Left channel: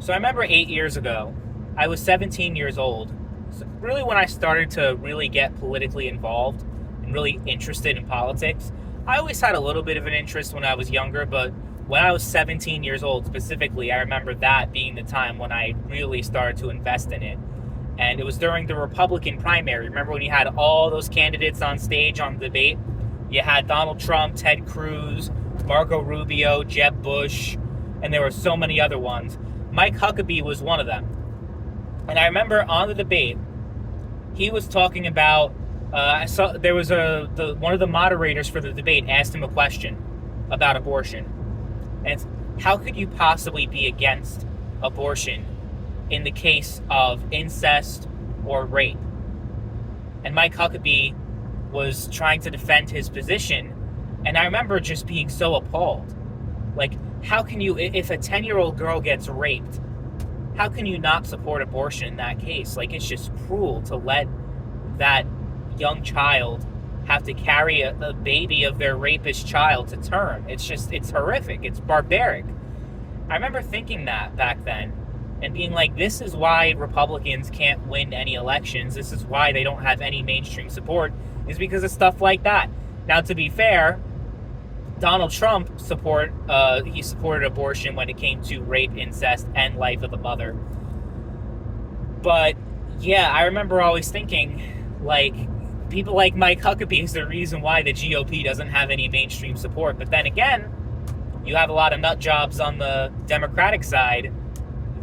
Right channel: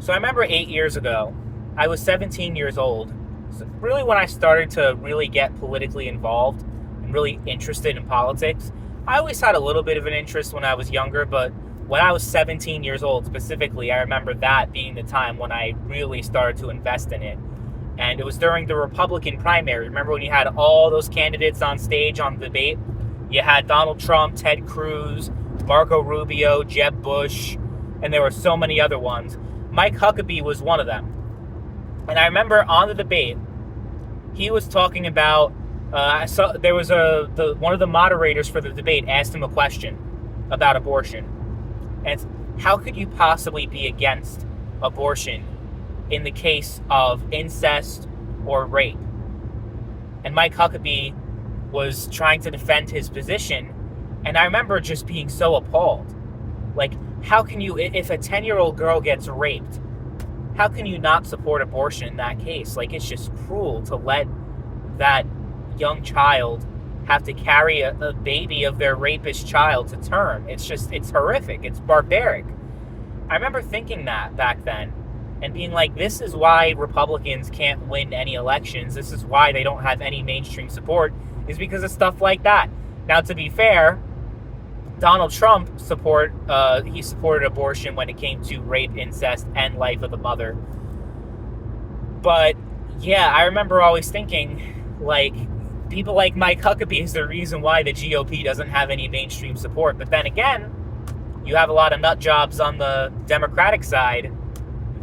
So I remember 8 years ago, I was 17 years old. So really, when I started to really get politically involved and really interested in politics, I always had a little bit of an interest when I was younger, but when I was 17 years old specifically, I remember that being the time when I really started to invest in it. And it was during the Republican primary. Remember when you had all those candidates on stage on the debate? You had Donald Trump, Ted Cruz, Marco Rubio, Jeb Bush, and there were so many other ones. Mike Huckabee was one of them. And I remember on the debate, he was talking about. There was one of the moderators for the debate asked him a question about abortion, and it's, how could you possibly be against abortion in the case of incest or rape? And Mike Huckabee was trying to defend his position, and I remember just being so appalled. Like, how can you, if a 10-year-old girl gets raped, how can you not support abortion in that case? Like, it's just cruel to let that young child have to carry a baby of their rapist child to term. It's horrific. It's barbaric. I remember thinking that back then and being like, this is why Republicans can't win any elections. This is why they don't have any mainstream support, is because of stuff like that. Now, to be fair, Donald Trump supported abortion when it came to rape, incest, and life of the mother. But yeah, I remember always thinking, like, people like Mike Huckabee is the reason why the GOP doesn't have any mainstream support. But then again, you have a lot of nut jobs on the Democratic side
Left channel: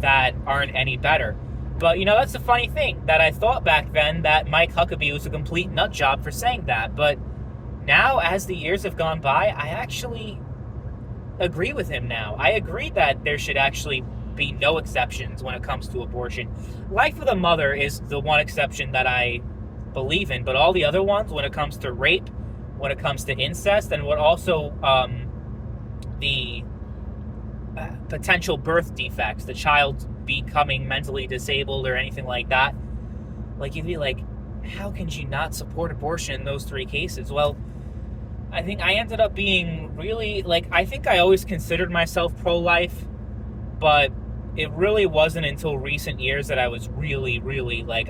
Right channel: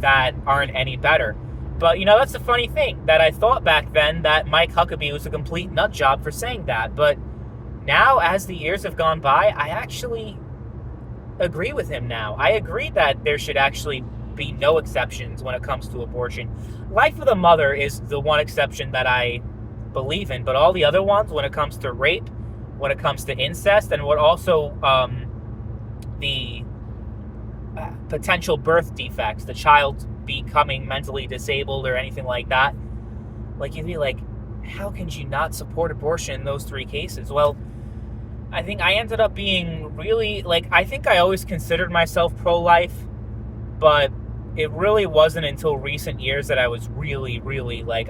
that aren't any better. But, that's the funny thing, that I thought back then that Mike Huckabee was a complete nut job for saying that. But now, as the years have gone by, I actually agree with him now. I agree that there should actually be no exceptions when it comes to abortion. Life of the mother is the one exception that I believe in, but all the other ones, when it comes to rape, when it comes to incest, and what also the potential birth defects, the child becoming mentally disabled or anything like that, like, you'd be like, how can you not support abortion in those three cases? Well, I think I ended up being really, I think I always considered myself pro-life, but it really wasn't until recent years that I was really,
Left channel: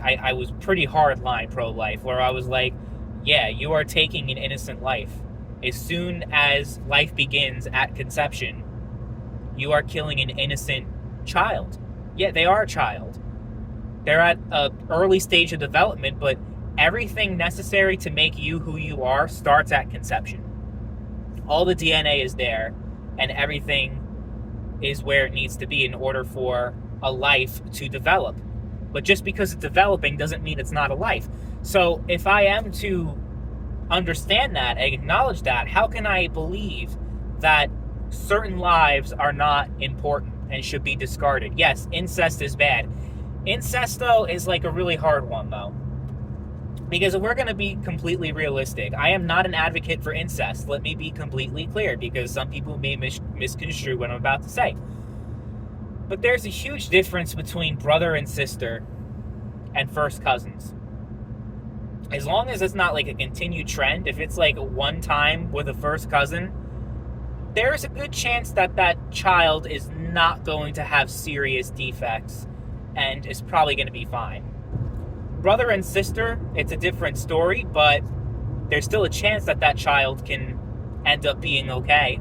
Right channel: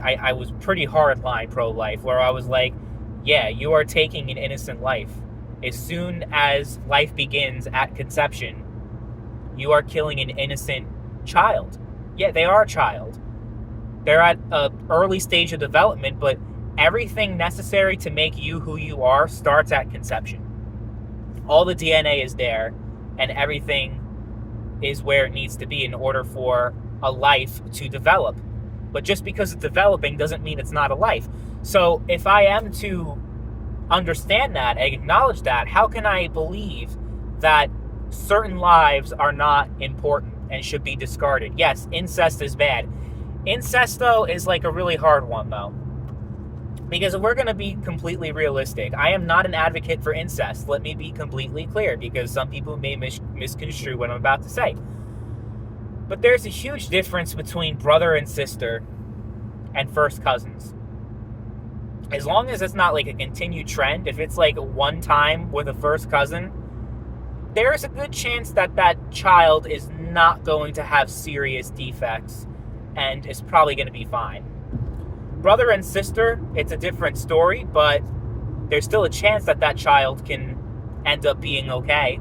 I was pretty hardline pro-life, where I was like, yeah, you are taking an innocent life. As soon as life begins at conception, you are killing an innocent child. Yeah, they are a child. They're at an early stage of development, but everything necessary to make you who you are starts at conception. All the DNA is there, and everything is where it needs to be in order for a life to develop. But just because it's developing doesn't mean it's not a life. So if I am to understand that and acknowledge that, how can I believe that certain lives are not important and should be discarded? Yes, incest is bad. Incest, though, is like a really hard one, though. Because if we're going to be completely realistic, I am not an advocate for incest. Let me be completely clear, because some people may misconstrue what I'm about to say. But there's a huge difference between brother and sister and first cousins. As long as it's not like a continued trend, if it's like one time with a first cousin, there's a good chance that that child is not going to have serious defects and is probably going to be fine. Brother and sister, it's a different story, but there's still a chance that that child can end up being okay.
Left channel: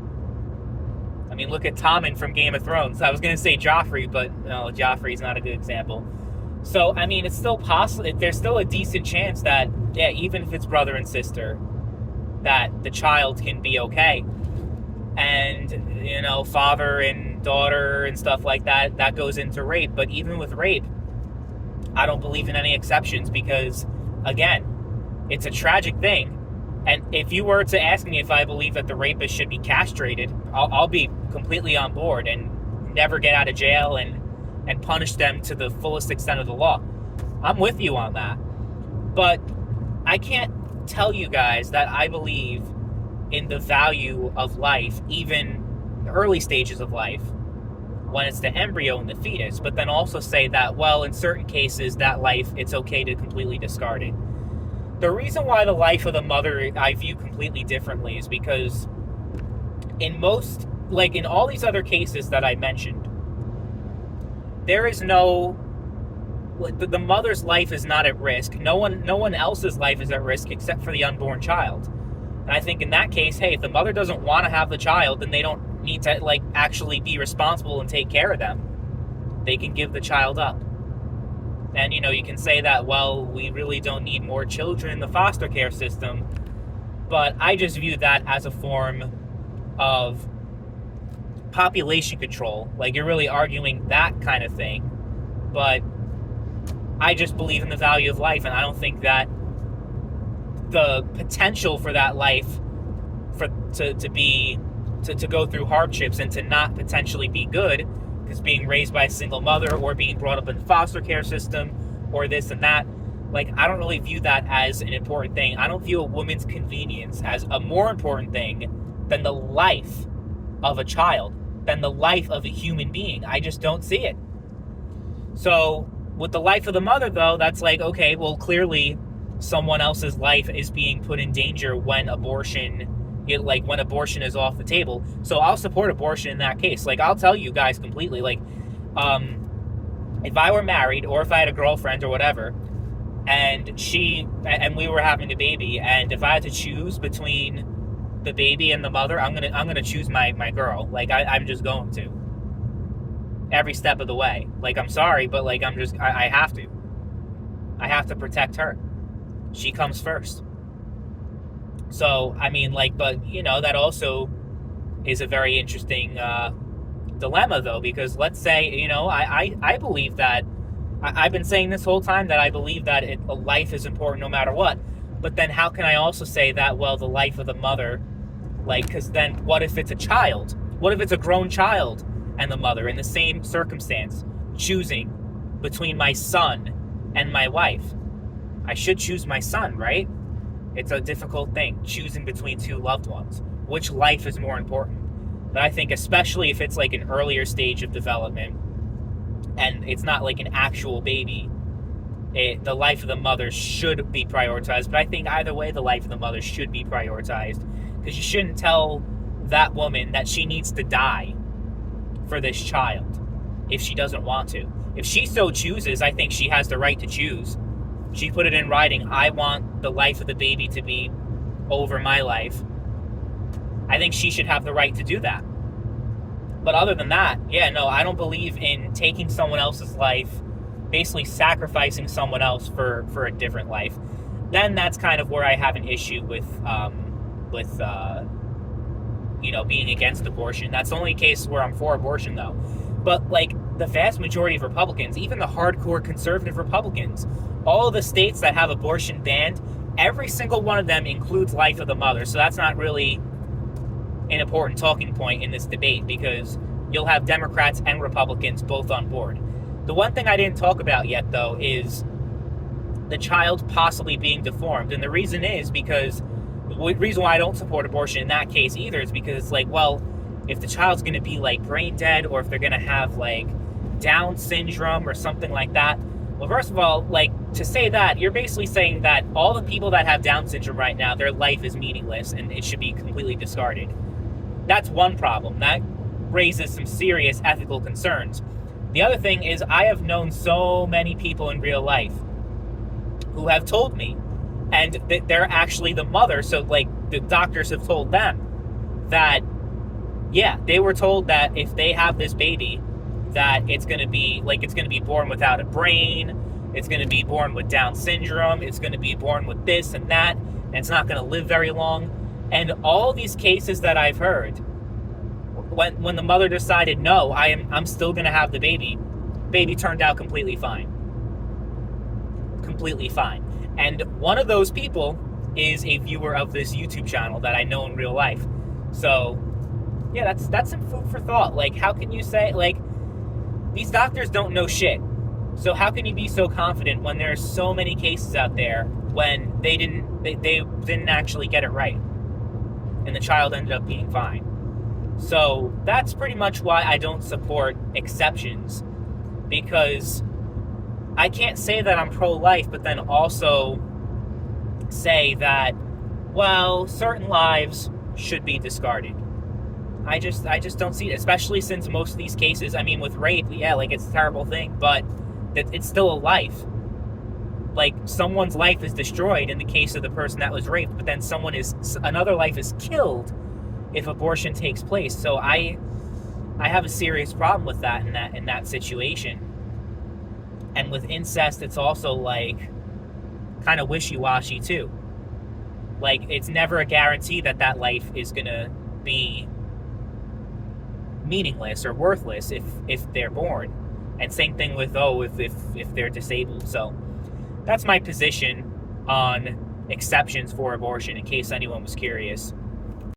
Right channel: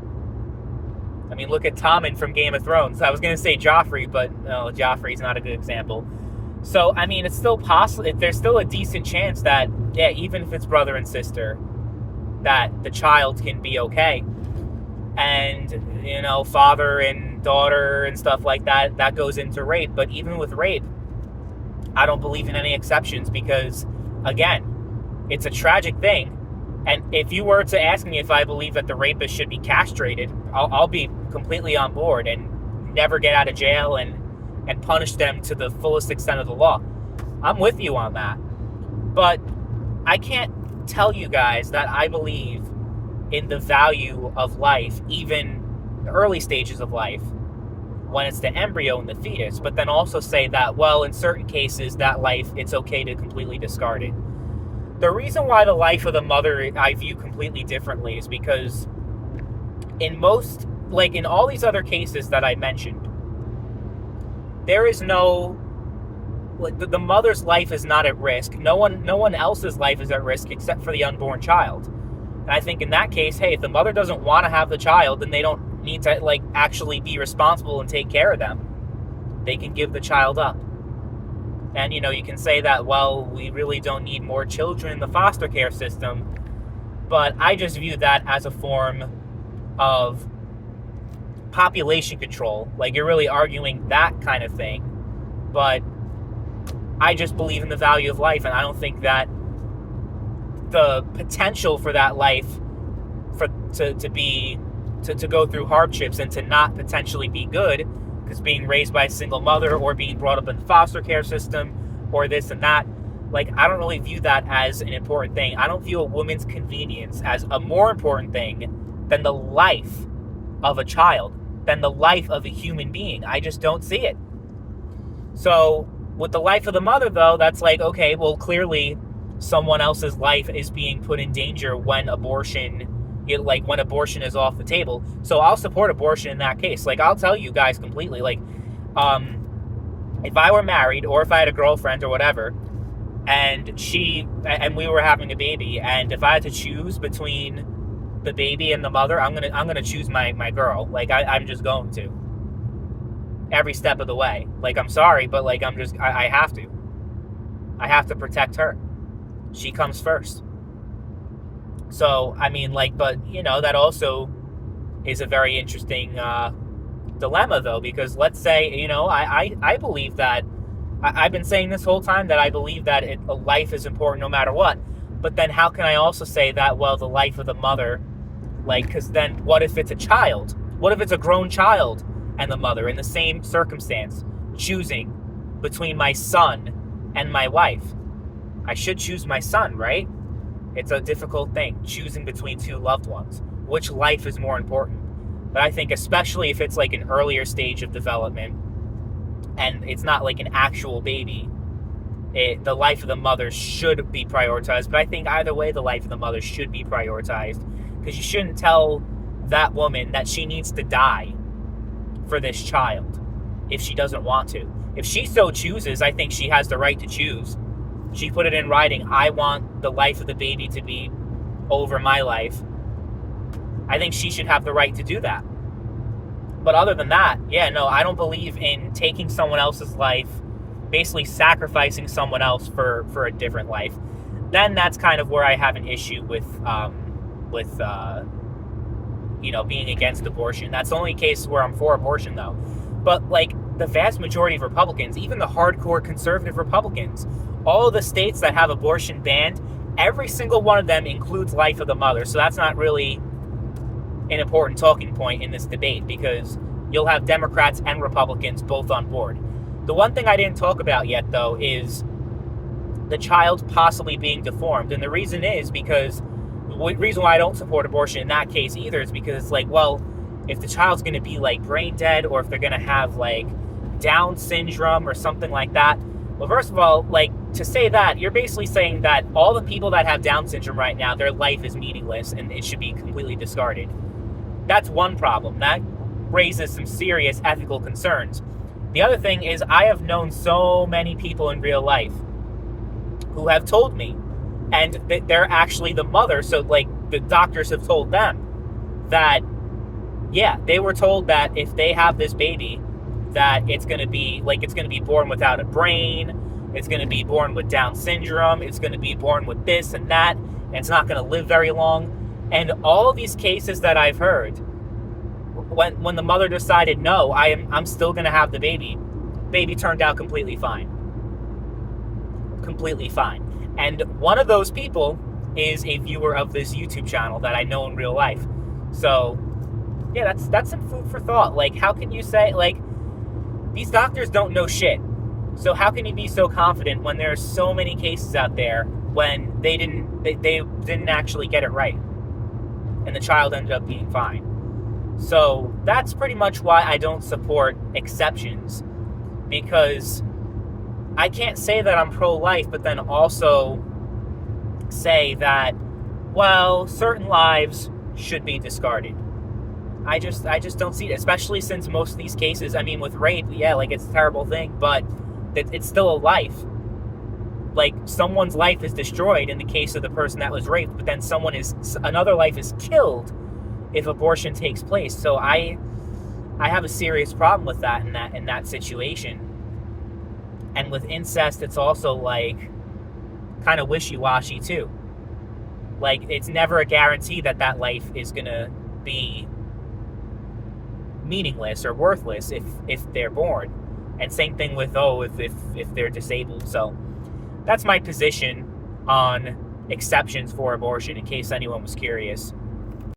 I mean, look at Tommen from Game of Thrones. I was going to say Joffrey, but no, Joffrey's not a good example. So, I mean, it's still possible. There's still a decent chance that, yeah, even if it's brother and sister, that the child can be okay. And, father and daughter and stuff like that, that goes into rape. But even with rape, I don't believe in any exceptions because, again, it's a tragic thing. And if you were to ask me if I believe that the rapist should be castrated, I'll be completely on board and never get out of jail and punish them to the fullest extent of the law. I'm with you on that. But I can't tell you guys that I believe in the value of life, even the early stages of life, when it's the embryo and the fetus, but then also say that, well, in certain cases, that life, it's okay to completely discard it. The reason why the life of the mother I view completely differently is because in all these other cases that I mentioned, there is no, like, the mother's life is not at risk. No one else's life is at risk except for the unborn child. And I think in that case, hey, if the mother doesn't want to have the child, then they don't need to like actually be responsible and take care of them. They can give the child up. And you can say that, well, we really don't need more children in the foster care system, but I just view that as a form of population control. Like, you're really arguing that kind of thing. But I just believe in the value of life, and I don't think that the potential for that life to go through hardships and to not potentially be good, because being raised by a single mother or being brought up in the foster care system or this and that, like, I don't really view that as an important thing. I don't view a woman's convenience as a more important thing than the life of a child, than the life of a human being. I just don't see it. So with the life of the mother, though, that's like, okay, well, clearly someone else's life is being put in danger when abortion is off the table. So I'll support abortion in that case. Like, I'll tell you guys completely, like, if I were married or if I had a girlfriend or whatever, and we were having a baby, and if I had to choose between the baby and the mother, I'm gonna choose my girl. Like, I'm just going to, every step of the way. Like, I'm sorry, but like, I have to protect her. She comes first. So, I mean, like, but, that also is a very interesting dilemma, though, because let's say, I believe that, I've been saying this whole time that I believe that life is important no matter what, but then how can I also say that, well, the life of the mother, like, because then what if it's a child? What if it's a grown child and the mother in the same circumstance, choosing between my son and my wife? I should choose my son, right? It's a difficult thing, choosing between two loved ones. Which life is more important? But I think especially if it's like an earlier stage of development and it's not like an actual baby, the life of the mother should be prioritized. But I think either way, the life of the mother should be prioritized, because you shouldn't tell that woman that she needs to die for this child if she doesn't want to. If she so chooses, I think she has the right to choose. She put it in writing, I want the life of the baby to be over my life. I think she should have the right to do that. But other than that, yeah, no, I don't believe in taking someone else's life, basically sacrificing someone else for a different life. Then that's kind of where I have an issue with being against abortion. That's the only case where I'm for abortion, though. But, like, the vast majority of Republicans, even the hardcore conservative Republicans, all of the states that have abortion banned, every single one of them includes life of the mother. So that's not really an important talking point in this debate, because you'll have Democrats and Republicans both on board. The one thing I didn't talk about yet, though, is the child possibly being deformed. And the reason is because the reason why I don't support abortion in that case either is because it's like, well, if the child's going to be like brain dead, or if they're going to have like Down syndrome or something like that. Well, first of all, like, to say that, you're basically saying that all the people that have Down syndrome right now, their life is meaningless and it should be completely discarded. That's one problem. That raises some serious ethical concerns. The other thing is, I have known so many people in real life who have told me, and they're actually the mother, so like the doctors have told them that, yeah, they were told that if they have this baby, that it's going to be born without a brain, it's going to be born with Down syndrome, it's going to be born with this and that, and it's not going to live very long. And all these cases that I've heard, when the mother decided, no, I'm still going to have the baby turned out completely fine. Completely fine. And one of those people is a viewer of this YouTube channel that I know in real life. So, yeah, that's some food for thought. Like, how can you say, like, these doctors don't know shit. So how can you be so confident when there are so many cases out there when they didn't actually get it right, and the child ended up being fine? So that's pretty much why I don't support exceptions, because I can't say that I'm pro-life, but then also say that, well, certain lives should be discarded. I just don't see it, especially since most of these cases, I mean, with rape, yeah, like it's a terrible thing, but it's still a life. Like someone's life is destroyed in the case of the person that was raped, but then another life is killed if abortion takes place. So I have a serious problem with that in that situation. And with incest, it's also like kind of wishy-washy too. Like it's never a guarantee that life is gonna be meaningless or worthless if they're born. And same thing with if they're disabled. So that's my position on exceptions for abortion, in case anyone was curious.